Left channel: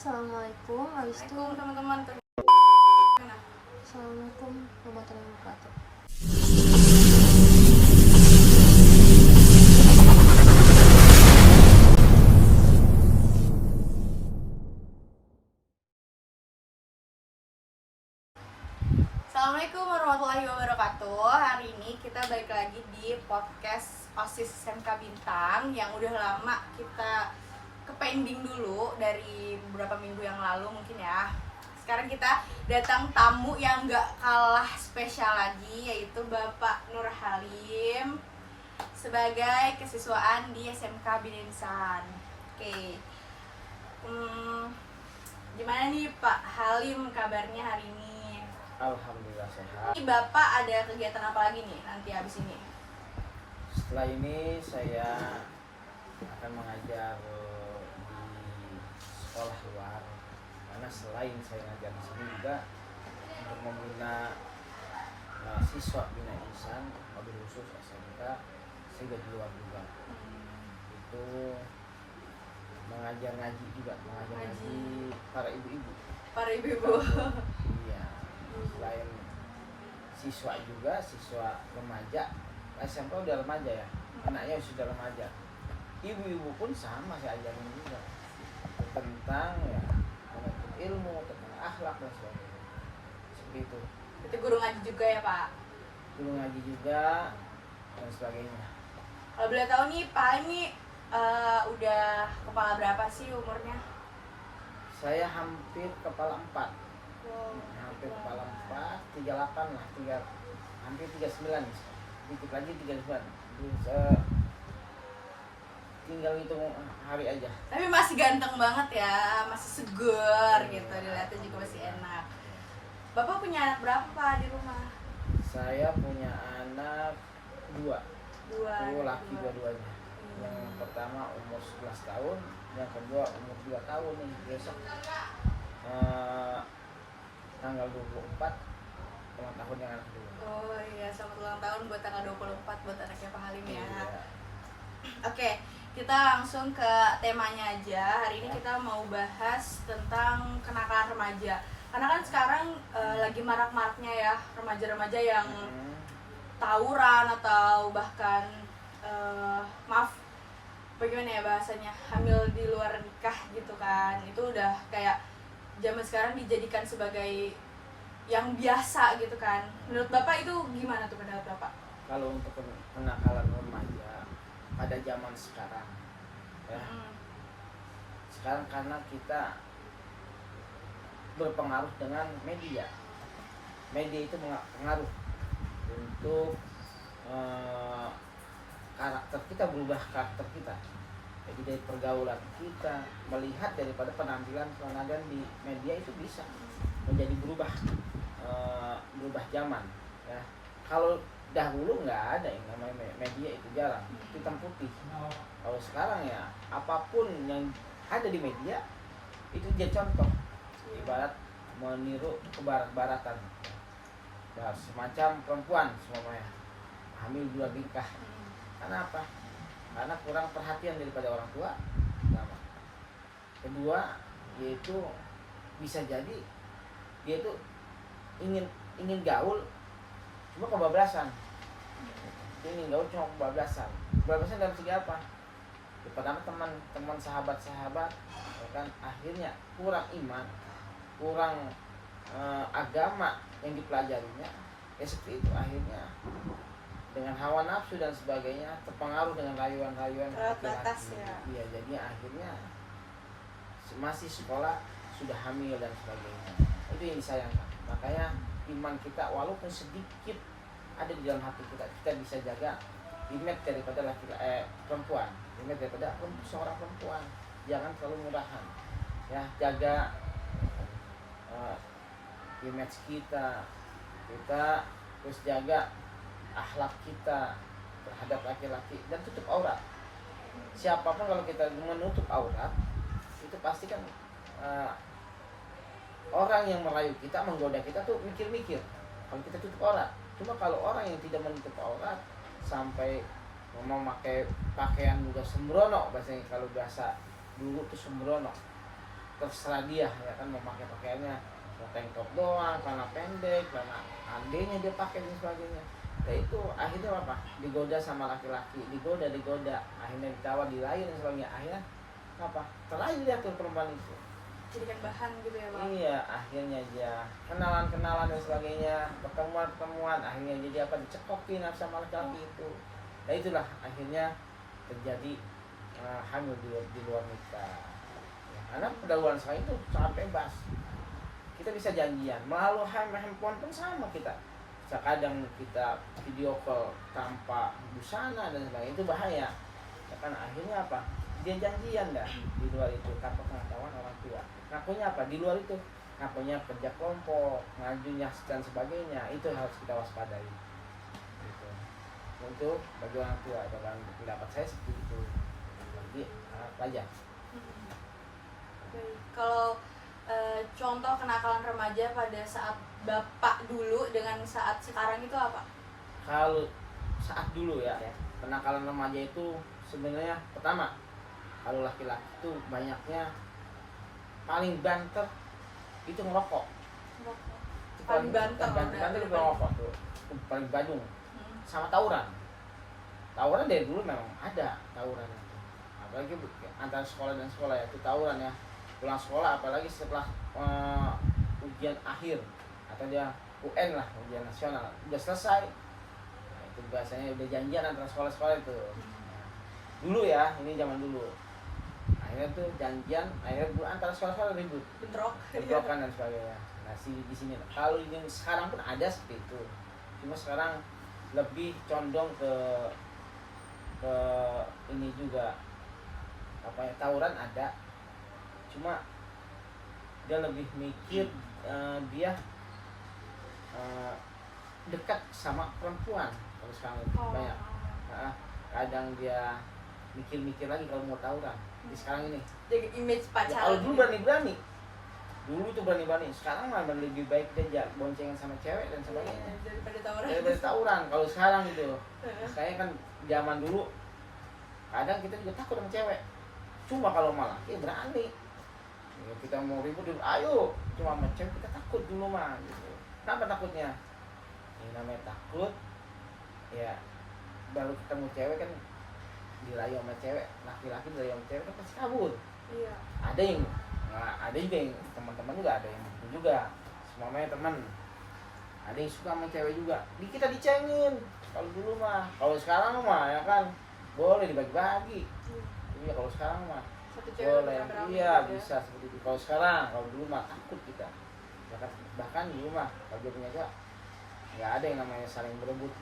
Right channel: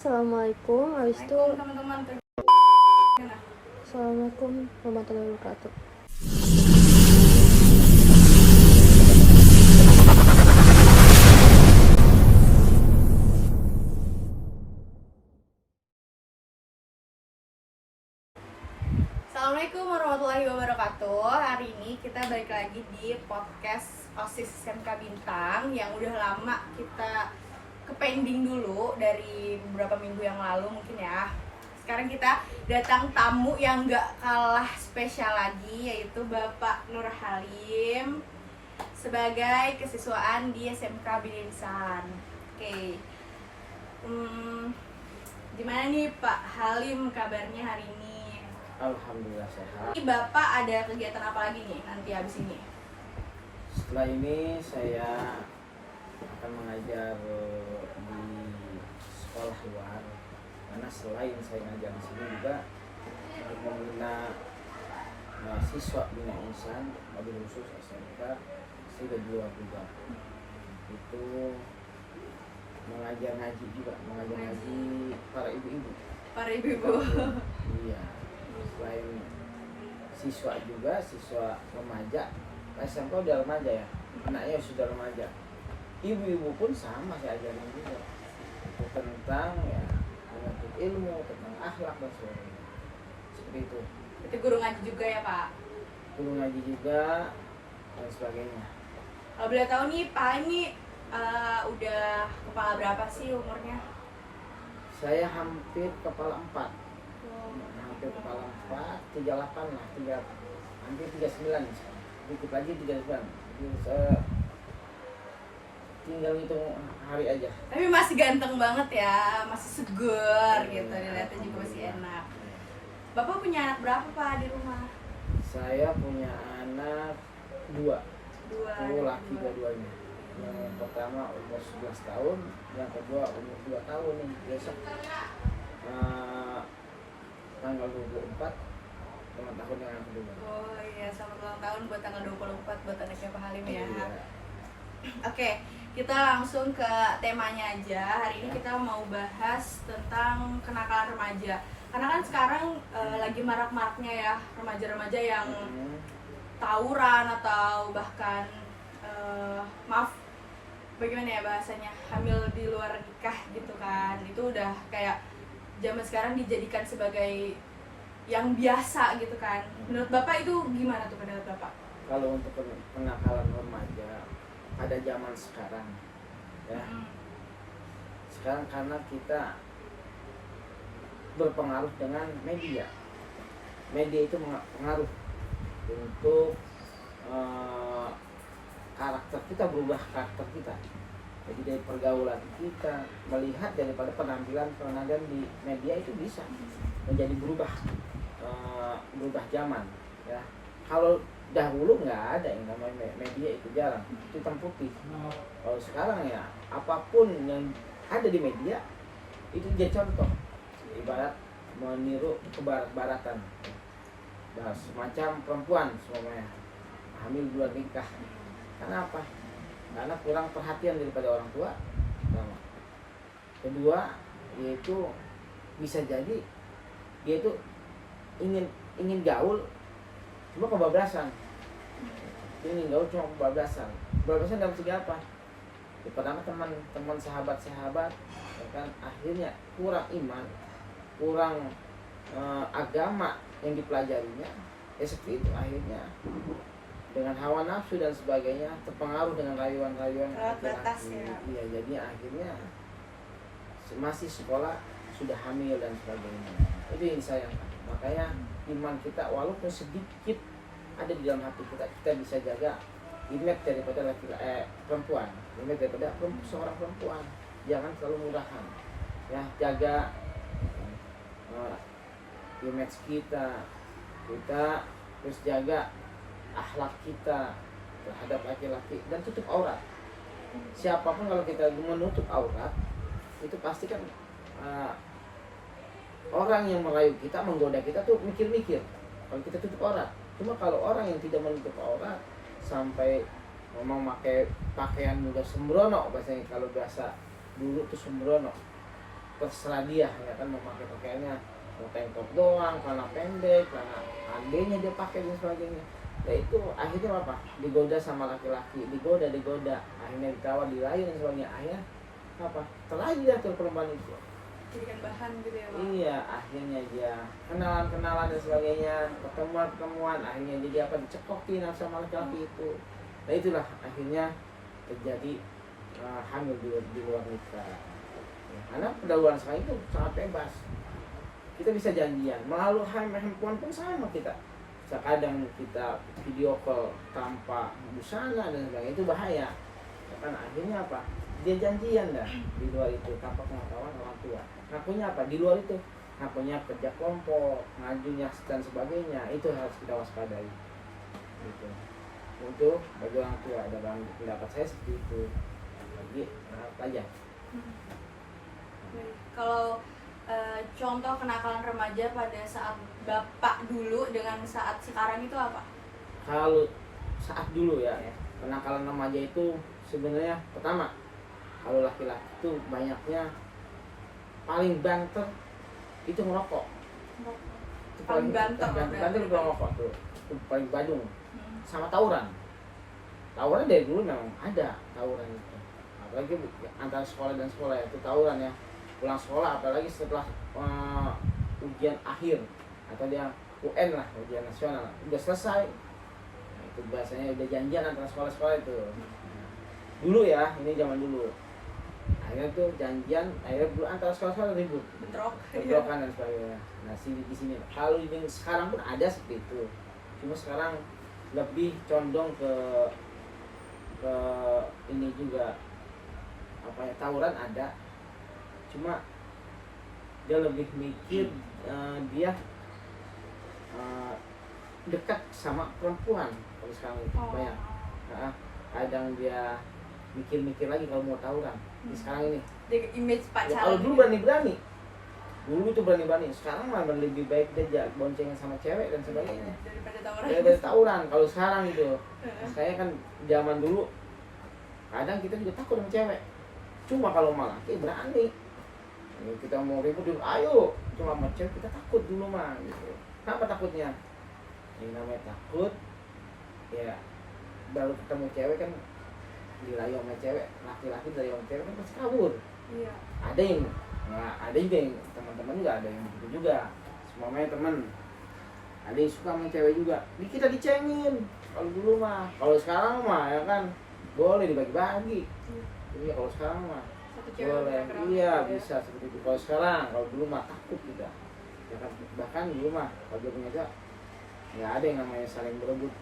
Assalamualaikum Teman-teman. Assalamualaikum warahmatullahi wabarakatuh. Assalamualaikum warahmatullahi wabarakatuh. Hari ini kita balik lagi di podcast OSIS SMK Bintang yang udah lama kita ke-pending dulu dari beberapa minggu yang lalu mungkin ya. Sekarang kita datang tamu yang gak kalah spesial lagi, yaitu Bapak Nur Halim sebagai kesiswaan di SMK Bintang. Oke. Gimana nih Pak Halim kabarnya hari ini? Alhamdulillah sehat. Ini Bapak ada kegiatan apa lagi nih nanti habis ini? Setelah ini saya akan mengajar di sekolah luar, karena selain saya ngajar di sini juga untuk membina siswa bina insan, mobil khusus SMK, saya juga di luar juga. Itu mengajar ngaji juga, mengajar ngaji para ibu-ibu. Para ibu-ibu. Iya. Selain siswa juga, siswa remaja, SMP udah remaja ya, anaknya sudah remaja. Ibu-ibu pun sama saya ajarin juga. Itu tentang ya menuntut ilmu, tentang akhlak dan sebagainya. Seperti itu. Itu guru ngaji juga ya Pak? Guru ngaji juga dan sebagainya. Kalau boleh tahu nih Pak ini udah kepala berapa sih umurnya? Saya hampir kepala 4. Hampir kepala 4, 38 lah, hampir 39 nih. Dikit lagi 39. Jadi saya tinggal hitung hari aja. Tapi masih ganteng banget ya, masih segar gitu, dilihatnya juga masih enak. Bapak punya anak berapa Pak di rumah? Saya punya anak 2. Dua. Laki dua-duanya. Yang pertama umur 11 tahun, yang kedua umur 2 tahun nih. Besok tanggal 24 ulang tahun yang anak kedua. Oh iya, selamat ulang tahun buat tanggal 24 buat anaknya Pak Halim ya. Iya. Oke, kita langsung ke temanya aja. Hari ini kita mau bahas tentang kenakalan remaja. Karena kan sekarang lagi marak-maraknya ya remaja-remaja yang tawuran atau bahkan maaf bagaimana ya bahasanya, hamil di luar nikah gitu kan. Itu udah kayak zaman sekarang dijadikan sebagai yang biasa gitu kan. Menurut Bapak itu gimana tuh pendapat Bapak? Kalau untuk kenakalan remaja pada zaman sekarang ya, sekarang karena kita berpengaruh dengan media itu pengaruh untuk karakter kita, berubah karakter kita. Jadi dari pergaulan kita, melihat daripada penampilan di media itu bisa menjadi berubah zaman ya. Kalau dahulu nggak ada yang namanya media, itu jarang, hitam putih. Kalau sekarang ya apapun yang ada di media itu jadi contoh, ibarat meniru ke barat-baratan. Bahas semacam perempuan semuanya hamil bulan nikah. Kenapa? Karena kurang perhatian daripada orang tua. Pertama. Kedua, yaitu bisa jadi dia itu ingin gaul cuma kebablasan. Ingin gaul cuma kebablasan. Kebablasan dalam segi apa? Ya, pertama teman sahabat-sahabat ya kan, akhirnya kurang iman, kurang agama yang dipelajarinya. Ya seperti itu, akhirnya dengan hawa nafsu dan sebagainya, terpengaruh dengan rayuan-rayuan Batas ya. Iya, jadi akhirnya masih sekolah sudah hamil dan sebagainya. Itu yang disayangkan. Makanya iman kita walaupun sedikit ada di dalam hati kita, kita bisa jaga image daripada perempuan, image daripada seorang perempuan. Jangan terlalu mudahan ya, jaga image kita terus jaga akhlak kita terhadap laki-laki, dan tutup aurat. Siapapun kalau kita menutup aurat, itu pasti kan orang yang merayu kita, menggoda kita tuh mikir-mikir kalau kita tutup aurat. Cuma kalau orang yang tidak menutup aurat sampai memakai pakaian udah sembrono, bahasanya kalau bahasa dulu tuh sembrono, terserah dia ya kan, mau pakai pakaiannya mau tank top doang, celana pendek, celana adenya dia pakai dan sebagainya. Ya itu akhirnya apa, digoda sama laki-laki, digoda akhirnya ditawar, dirayu dan sebagainya, akhirnya apa, terlalu dia tuh perempuan itu. Jadikan bahan gitu ya Pak. Iya, akhirnya dia kenalan dan sebagainya, pertemuan, akhirnya jadi apa, dicekokin sama laki-laki itu. Nah itulah akhirnya terjadi hamil di luar nikah. Ya, karena pergaulan sekarang itu sangat bebas. Kita bisa janjian melalui handphone pun sama kita. Kadang kita video call tanpa busana dan sebagainya, itu bahaya. Ya kan akhirnya apa? Dia janjian dah di luar itu tanpa pengetahuan orang tua. Ngakunya apa? Di luar itu ngakunya kerja kelompok, ngajunya dan sebagainya. Itu harus kita waspadai. Gitu. Untuk bagi orang tua, ada pendapat saya seperti itu. Bagi pelajar. Kalau contoh kenakalan remaja pada saat bapak dulu dengan saat sekarang itu apa? Kalau saat dulu ya, kenakalan remaja itu sebenarnya pertama, kalau laki-laki itu banyaknya paling banter itu ngerokok. Itu Paling banter itu ngerokok tuh, itu paling badung. Sama tawuran. Tawuran dari dulu memang ada tawuran itu. Apalagi antara sekolah dan sekolah ya, itu tawuran ya. Pulang sekolah apalagi setelah ujian akhir atau dia UN lah, ujian nasional udah selesai, nah, itu biasanya udah janjian antara sekolah-sekolah itu. Dulu ya, ini zaman dulu, akhirnya tuh janjian, akhirnya antara sekolah-sekolah ribut, bentrokan dan sebagainya. Nah di sini kalau ini sekarang pun ada seperti itu, cuma sekarang lebih condong ke ini juga apa ya, tawuran ada, cuma dia lebih mikir dia dekat sama perempuan. Kalau sekarang itu banyak kadang dia mikir-mikir lagi kalau mau tawuran. Di sekarang ini jadi image pacaran. Ya, kalau dulu berani-berani, dulu itu berani-berani, sekarang malah lebih baik dia boncengan sama cewek dan sebagainya daripada tawuran. Kalau sekarang itu saya kan zaman dulu kadang kita juga takut sama cewek, cuma kalau malah berani. Ya, kita mau ribut, ayo, cuma sama cewek kita takut dulu mah gitu. Kenapa takutnya? Ini namanya takut ya, baru ketemu cewek kan dirayu sama cewek, laki-laki dirayu sama cewek kan pasti kabur. Iya. Ada yang ada juga yang teman-teman juga ada yang begitu juga, semuanya teman. Ada yang suka sama cewek juga, kita dicengin. Kalau dulu mah, kalau sekarang mah ya kan boleh dibagi-bagi. Iya, kalau sekarang mah boleh, iya bisa seperti itu. Kalau sekarang, kalau dulu mah takut kita. Ya kan, bahkan dulu mah kalau dia punya cewek, nggak ada yang namanya saling berebut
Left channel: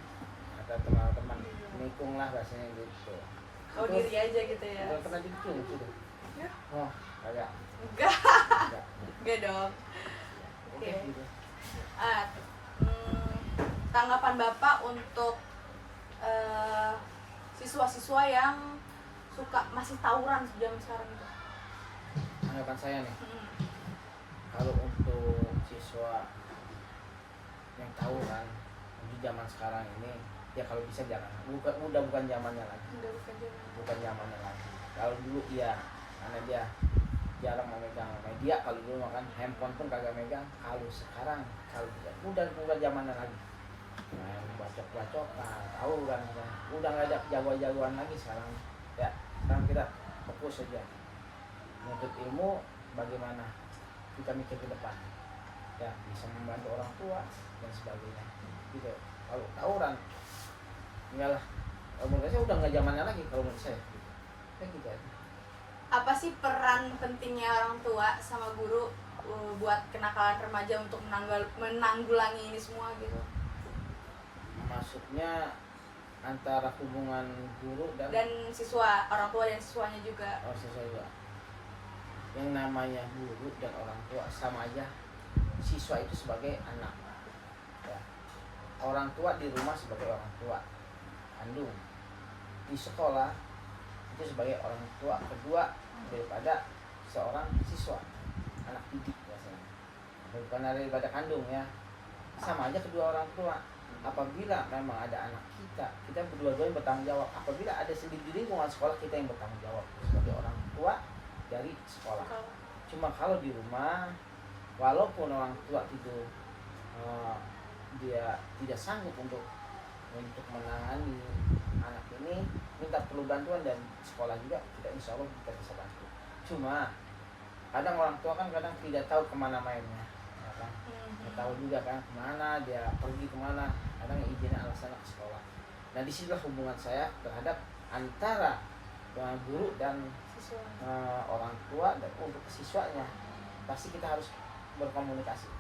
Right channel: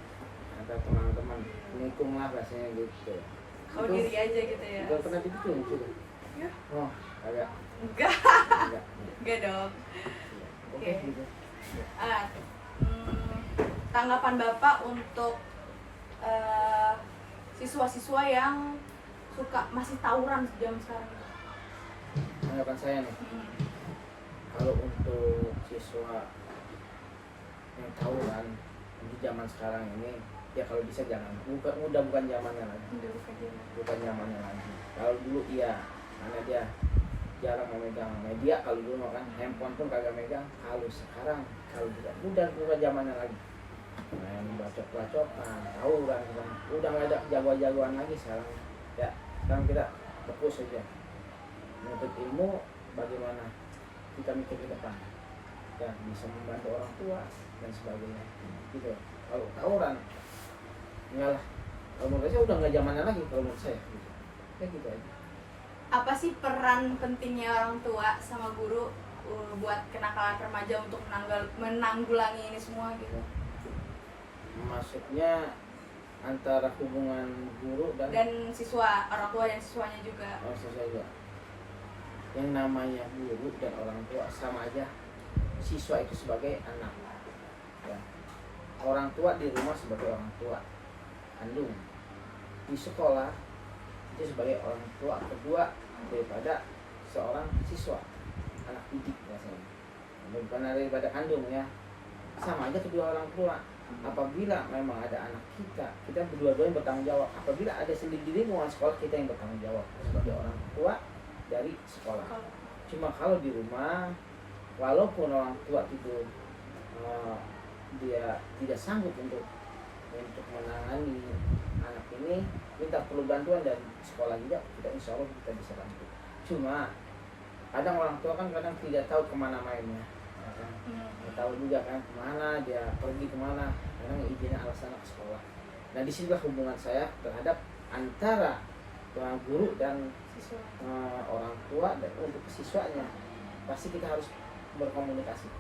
antara teman-teman, nikung lah rasanya gitu. Oh itu, diri aja gitu ya. Udah pernah dipikir sudah? Ya. Oh, kagak. Enggak. Enggak dong. Oke, gitu. Tanggapan Bapak untuk siswa-siswa yang suka masih tawuran jam sekarang itu? Tanggapan saya nih, kalau untuk siswa yang tawuran untuk zaman sekarang ini, ya kalau bisa jangan, bukan zamannya lagi, bukan zamannya lagi. Kalau dulu iya, karena dia jarang memegang media. Kalau dulu makan handphone pun kagak megang. Kalau sekarang, kalau tidak, udah zamannya lagi. Main bacok-bacokan, tawuran, udah nggak ada jagoan-jagoan lagi sekarang. Ya, sekarang kita fokus saja menuntut ilmu, bagaimana kita mikir ke depan, ya bisa membantu orang tua dan sebagainya. Gitu. Kalau tawuran, enggak lah. Kalau menurut saya udah nggak zamannya lagi kalau menurut saya. Gitu. Ya gitu aja. Apa sih peran pentingnya orang tua sama guru buat kenakalan remaja untuk menanggulangi ini semua gitu? Maksudnya antara hubungan guru dan siswa, orang tua dan siswanya juga. Oh, juga. Yang namanya guru dan orang tua sama aja. Siswa itu sebagai anak. Ya. Orang tua di rumah sebagai orang tua kandung. Di sekolah itu sebagai orang tua kedua daripada seorang siswa, anak didik biasanya. Bukan daripada kandung ya. Sama aja kedua orang tua. Apabila memang ada anak kita berdua-duanya bertanggung jawab. Apabila ada di lingkungan sekolah, kita yang bertanggung jawab sebagai orang tua dari sekolah. Cuma kalau di rumah, walaupun orang tua itu dia tidak sanggup untuk menangani anak ini, minta perlu bantuan dan sekolah juga, kita insya Allah kita bisa bantu. Cuma kadang orang tua kan kadang tidak tahu kemana mainnya, ya kan? Nggak tahu juga kan kemana dia pergi kemana, kadang izinnya alasan ke sekolah. Nah disinilah hubungan saya terhadap antara guru dan Siswa. orang tua dan untuk siswanya pasti kita harus berkomunikasi.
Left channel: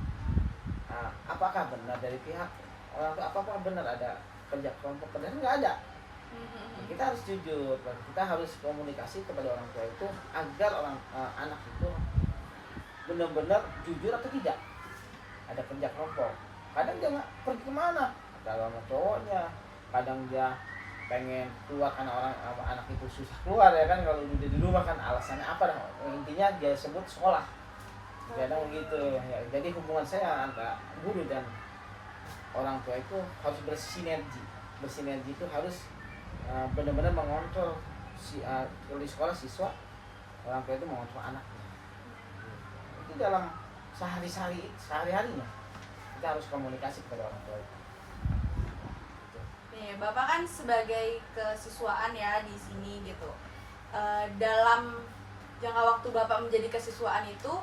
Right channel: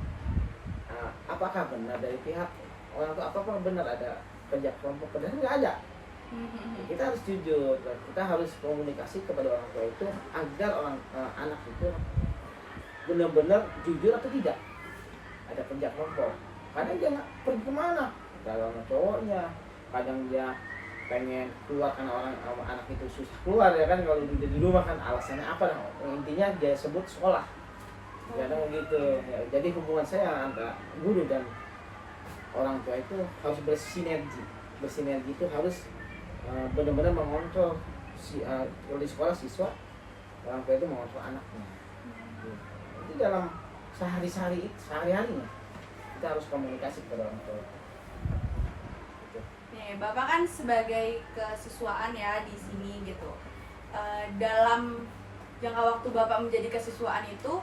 Apakah benar dari pihak orang tua, apakah benar ada kerja kelompok? Padahal nggak ada. Kita harus jujur dan kita harus komunikasi kepada orang tua itu agar anak itu benar-benar jujur atau tidak ada kerja kelompok. Kadang dia pergi kemana, kalau sama cowoknya, kadang dia pengen keluar karena anak itu susah keluar, ya kan? Kalau udah di rumah kan alasannya apa? Intinya dia sebut sekolah, kadang begitu ya. Jadi hubungan saya antara guru dan orang tua itu harus bersinergi itu harus benar-benar mengontrol kalau di sekolah siswa, orang tua itu mengontrol anaknya. Itu dalam sehari-harinya kita harus komunikasi kepada orang tua itu. Nih, Bapak kan sebagai kesiswaan ya di sini gitu. Dalam jangka waktu Bapak menjadi kesiswaan itu,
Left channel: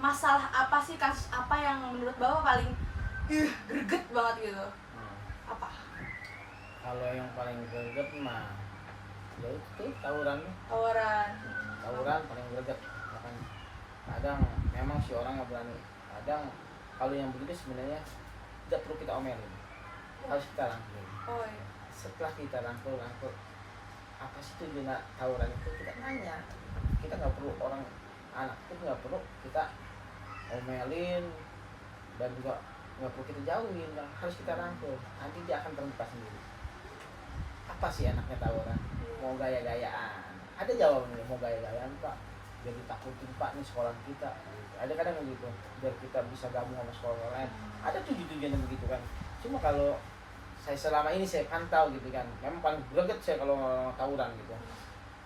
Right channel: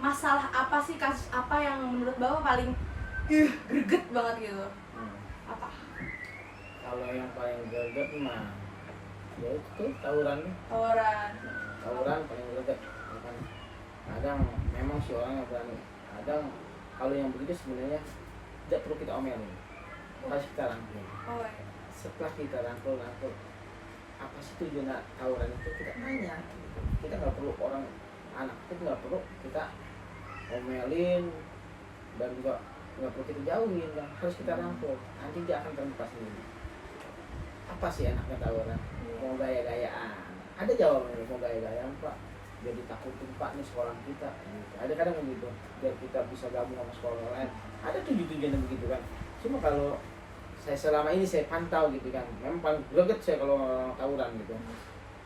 masalah apa sih, kasus apa yang menurut Bapak paling greget banget gitu? Apa? Kalau yang paling greget mah ya itu tawuran paling greget. Kadang memang si orang nggak berani. Kadang kalau yang begitu sebenarnya tidak perlu kita omelin, harus kita rangkul. Setelah kita rangkul apa sih tujuan tawuran itu, kita tanya. Kita nggak perlu anak itu nggak perlu kita omelin dan juga nggak perlu kita jauhin, harus kita rangkul. Nanti dia akan terbuka sendiri. Apa sih anaknya tawuran? Mau gaya-gayaan? Ada jawabannya, mau gaya-gayaan Pak. Jadi takutin Pak nih sekolah kita. Gitu. Ada kadang begitu. Biar kita bisa gabung sama sekolah lain. Ada tujuan begitu kan. Cuma kalau saya selama ini saya pantau gitu kan, memang paling greget saya kalau tawuran gitu.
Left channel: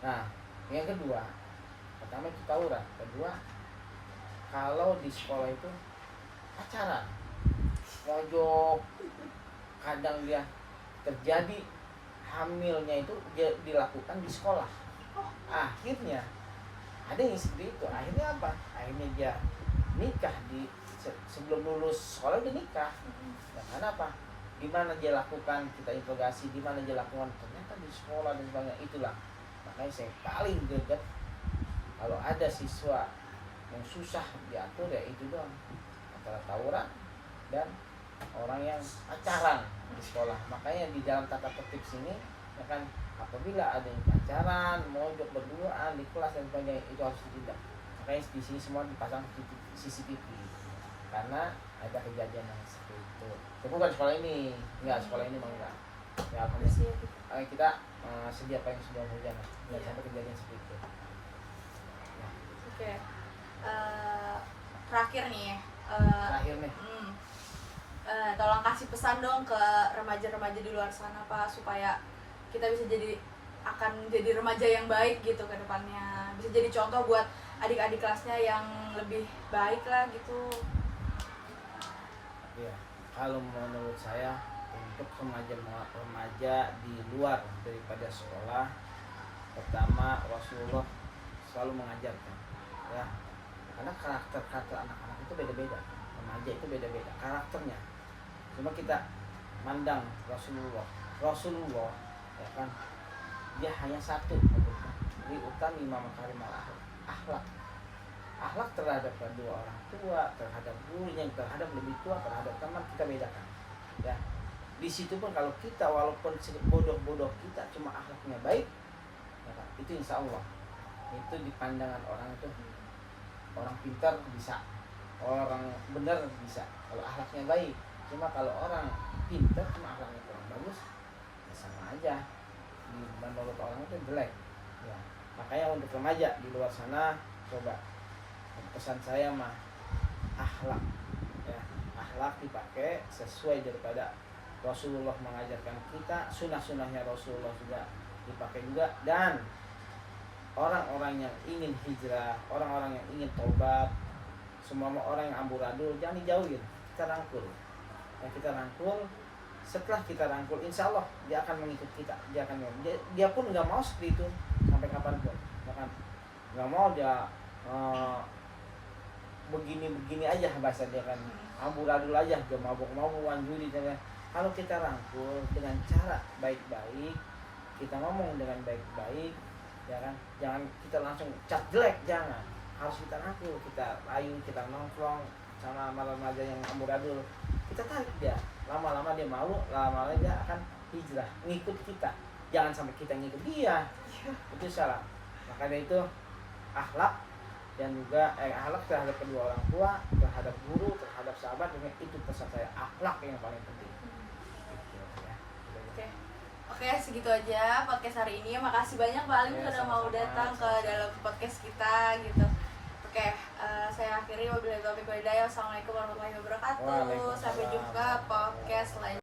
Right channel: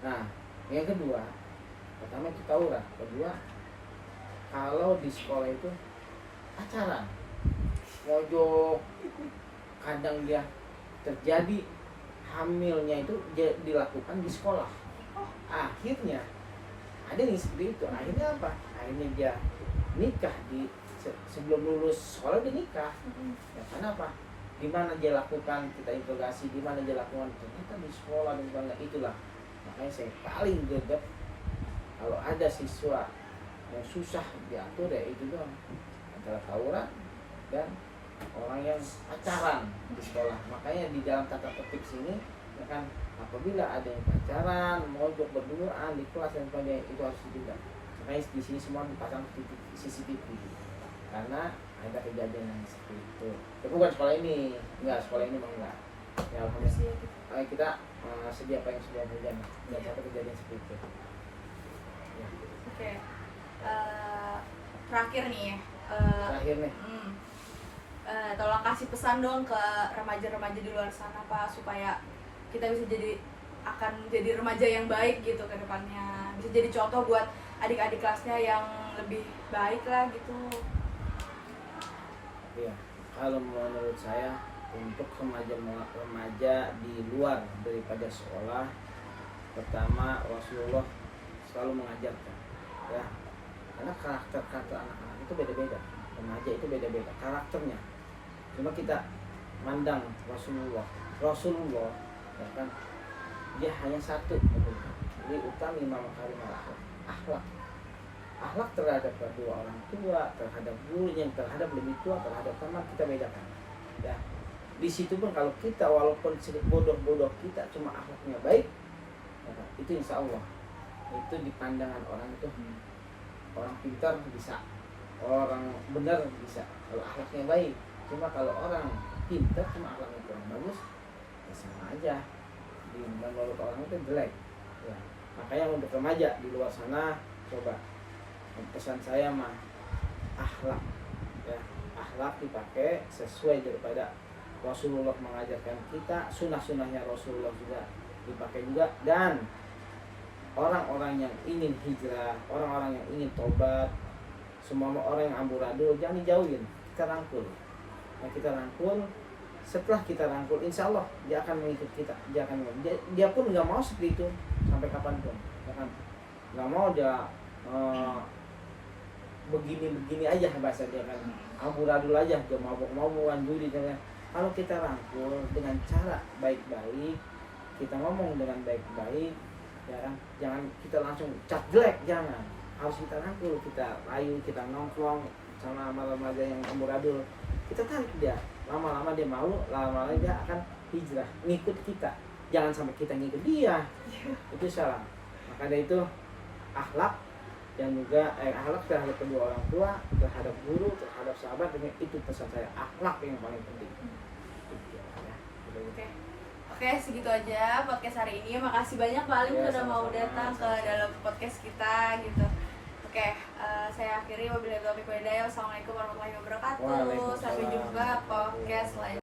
Nah, yang kedua, pertama itu tawuran. Kedua, kalau di sekolah itu pacaran. Nyojok, kadang dia terjadi hamilnya itu dilakukan di sekolah. Akhirnya ada yang seperti itu. Akhirnya apa? Akhirnya dia nikah sebelum lulus sekolah, dia nikah. Ya karena apa? Di mana dia lakukan, kita interogasi di mana dia lakukan, ternyata di sekolah dan sebagainya. Itulah makanya saya paling greget kalau ada siswa yang susah diatur, ya itu dong, antara tawuran dan orang yang pacaran di sekolah. Makanya di dalam tata tertib sini ya kan, apabila ada yang pacaran, mojok berduaan di kelas dan sebagainya, itu harus ditindak. Makanya di sini semua dipasang CCTV karena ada kejadian yang seperti itu. Tapi bukan sekolah ini, sekolah ini mau enggak. Ya alhamdulillah kita sedia apa yang sudah terjadi, tidak sampai kejadian seperti itu. Ya. Oke. Terakhir nih ya. Tolong kasih pesan dong ke remaja-remaja di luar sana Pak, supaya kita bisa akan jadi remaja yang baik gitu ke depannya, bisa jadi contoh buat adik-adik kelasnya yang lebih baik lah gitu. Ya, kalau menurut saya untuk remaja di luar daripada sekolah, pertama Rasulullah selalu mengajarkan ya, karena karakter anak-anak itu beda-beda, remaja itu beda-beda karakternya. Cuma kita mandang Rasulullah ya kan, dia hanya satu, li utami makarimul akhlak. Akhlak terhadap kedua orang tua, terhadap gurunya, terhadap lebih tua, terhadap teman, kita bedakan. Ya, di situ pun kalau kita walaupun bodoh kita, cuma akhlaknya baik, ya kan? Itu insya Allah itu di pandangan orang itu orang pintar bisa, orang benar bisa kalau akhlaknya baik. Cuma kalau orang pintar cuma akhlaknya kurang bagus, ya sama aja. Di menurut orang itu jelek. Ya, makanya untuk remaja di luar sana, coba pesan saya mah akhlak ya, akhlak dipakai sesuai daripada Rasulullah mengajarkan kita, sunnah-sunnahnya Rasulullah juga dipakai juga, dan orang-orang yang ingin hijrah, orang-orang yang ingin tobat, semua orang yang amburadul jangan dijauhin, kita rangkul. Nah, kita rangkul. Setelah kita rangkul, insya Allah dia akan mengikut kita. Dia pun nggak mau seperti itu sampai kapanpun. Bahkan nggak mau dia begini aja bahasa dia kan, amburadul aja, dia mabuk-mabukan judi. Kalau kita rangkul dengan cara baik-baik, kita ngomong dengan baik-baik, ya kan, jangan kita langsung cat jelek, jangan. Harus kita rangkul, kita rayu, kita nongkrong sama remaja yang amburadul, kita tarik dia. Lama-lama dia malu, lama-lama dia akan hijrah, ngikut kita. Jangan sampai kita ngikut dia, itu salah. Maka dari itu akhlak dan juga akhlak terhadap kedua orang tua, terhadap guru, terhadap sahabat, dengan itu pesan saya, akhlak yang paling penting. Oke, segitu aja podcast hari ini. Makasih banyak Pak Alim udah mau datang ke dalam podcast kita gitu. Oke, saya akhiri. Wabillahi taufiq wal hidayah. Wassalamualaikum warahmatullahi wabarakatuh. Sampai jumpa